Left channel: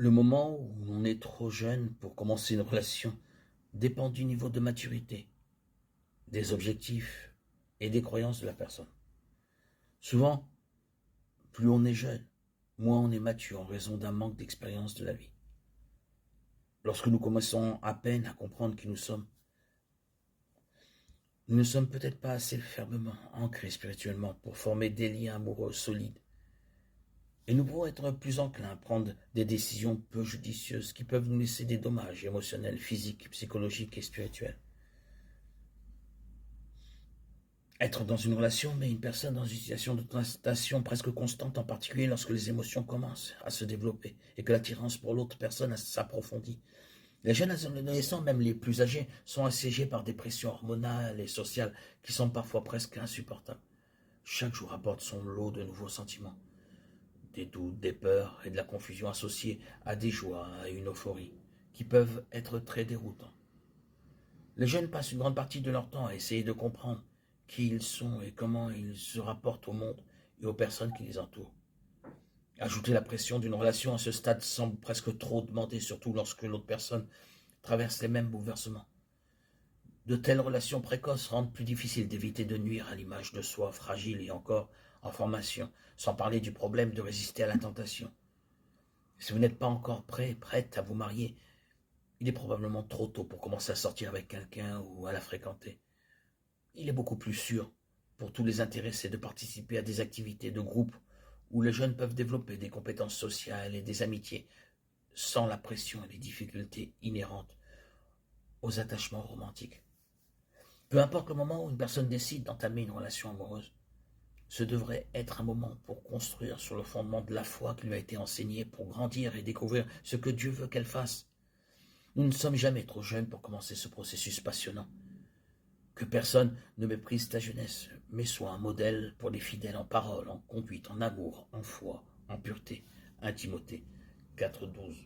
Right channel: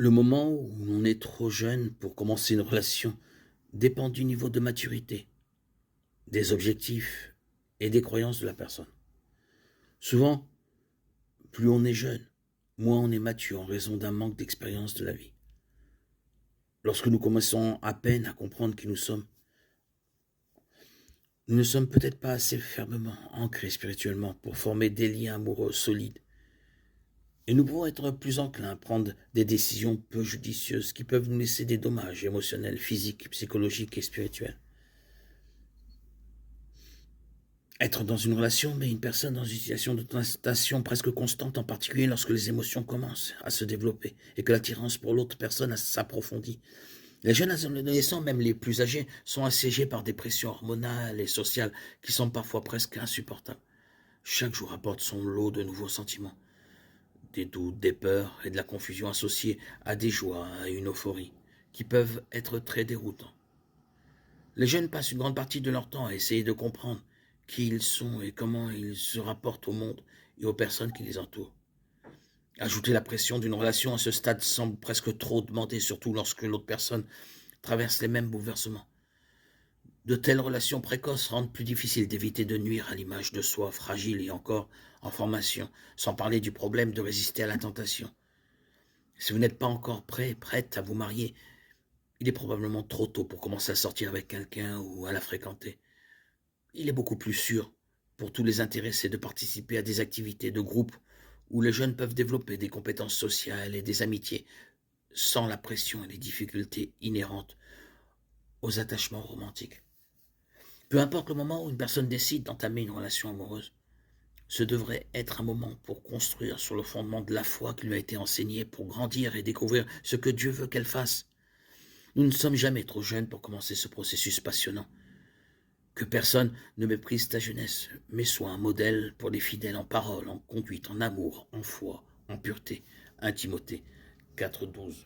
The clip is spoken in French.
Le moment où on est trop jeune pour commencer une relation dépend du niveau de maturité, des objectifs et des croyances de la personne. Souvent, plus on est jeune, moins on est mature en raison d'un manque d'expérience de la vie. Lorsque nous commençons à peine à comprendre qui nous sommes, nous ne sommes peut-être pas assez fermement ancrés spirituellement pour former des liens amoureux solides. Et nous pouvons être plus enclins à prendre des décisions peu judicieuses qui peuvent nous laisser des dommages émotionnels, physiques, psychologiques et spirituels. Être dans une relation met une personne dans une situation de tentation presque constante, en particulier lorsque les émotions commencent à se développer et que l'attirance pour l'autre personne s'approfondit. Les jeunes adolescents, même les plus âgés, sont assiégés par des pressions hormonales et sociales qui sont parfois presque insupportables. Chaque jour apporte son lot de nouveaux sentiments, des doutes, des peurs et de la confusion associée à des joies, à une euphorie, qui peuvent être très déroutants. Les jeunes passent une grande partie de leur temps à essayer de comprendre qui ils sont et comment ils se rapportent au monde et aux personnes qui les entourent. Ajouter la pression d'une relation à ce stade semble presque trop demander, surtout lorsque l'autre personne traverse les mêmes bouleversements. De telles relations précoces rendent plus difficile d'éviter de nuire à l'image de soi fragile et encore en formation, sans parler du problème de résister à la tentation. Si vous n'êtes pas encore prêt, prête à vous marier, il est probablement trop tôt pour commencer à sortir avec quelqu'un ou à la fréquenter. Il est beaucoup plus sûr pour tous les intéressés de participer à des activités de groupe où les jeunes peuvent développer des compétences sociales et des amitiés sans la pression et les difficultés inhérentes aux attachements romantiques. Peu importe le moment où une personne décide d'entamer une relation amoureuse, ce devrait être un moment pour construire sur le fondement de la foi qui lui a été enseignée, pour grandir et découvrir ce que Dieu veut qu'elle fasse. Nous ne sommes jamais trop jeunes pour commencer ce processus passionnant. Que personne ne méprise ta jeunesse, mais sois un modèle pour les fidèles en parole, en conduite, en amour, en foi, en pureté. 1 Timothée 4,12.